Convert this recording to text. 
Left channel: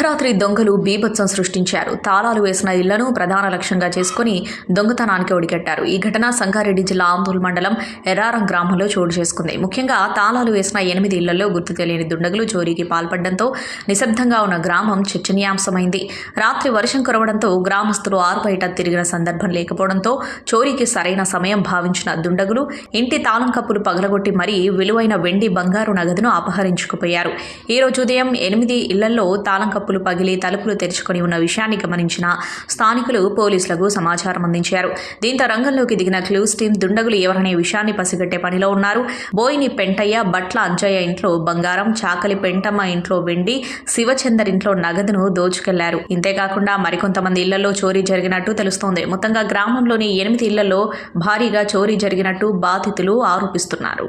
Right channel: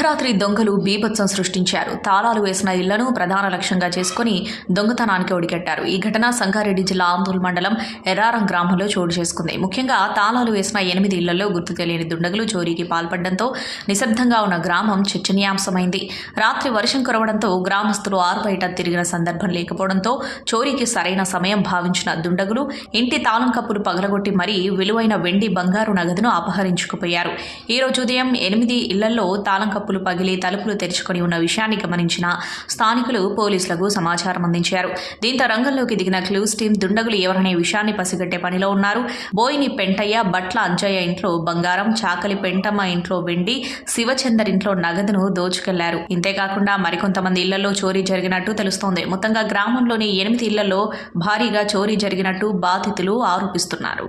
అర్ధరాత్రి దొంగలు బీభత్సం సృష్టించారు. తాళాలు వేసిన ఇళ్లను ప్రధాన లక్ష్యంగా చేసుకుని దొంగతనానికి ఒడిగట్టారు. ఈ ఘటన సంగారెడ్డి జిల్లా ఆందోళన మండలం ఎర్రారం గ్రామంలో చోటు చేసుకుంది. ముఖ్యంగా తాళాలు వేసిన 8 ఇళ్లలో గుర్తు తెలియని దుండగులు చోరీకి పాల్పడడంతో నిశ్శబ్దంగా ఉన్న గ్రామం చర్చనీయాంశమైంది. రాత్రి వర్షం కురవడంతో గ్రామస్తులు ఆరుబయట తిరిగిన సందర్భం లేకపోవడంతో చోరీకి సరైన సమయం భావించిన దుండగులు ఇంటి తాళం కప్పులు పగలగొట్టి మరీ విలువైన వెండి బంగారు నగదును అపహరించుకుపోయారు. ఈ రోజు ఉదయం 8 ఇళ్లలో తాళం కప్పులు పగిలి తలుపులు తెరుచుకొని ఉన్న విషయాన్ని గమనించిన స్థానికులు పోలీసులకు సమాచారం అందించారు. దీంతో రంగంలోకి దిగిన క్లూస్ టీం దుండగులు ఎవరనే విషయాన్ని పసిగట్టే పనిలో ఉన్నారు. బోయిని పెంటయ్య, బట్ల అంజయ్య ఇంట్లో బంగారం, చాకలి పెంటమ్మ ఇంట్లో వెండి, శివచందర్ ఇంట్లో నగదును దోచుకెళ్లారు. ఇంతేకాకుండా మరికొంతమంది ఇళ్లలో చోరీ జరిగినట్టు తెలుస్తోంది. మొత్తంగా గ్రామంలోని 8 ఇళ్లలో భారీగా చోరీ జరిగినట్టు బాధితులు ఆరోపిస్తున్నారు.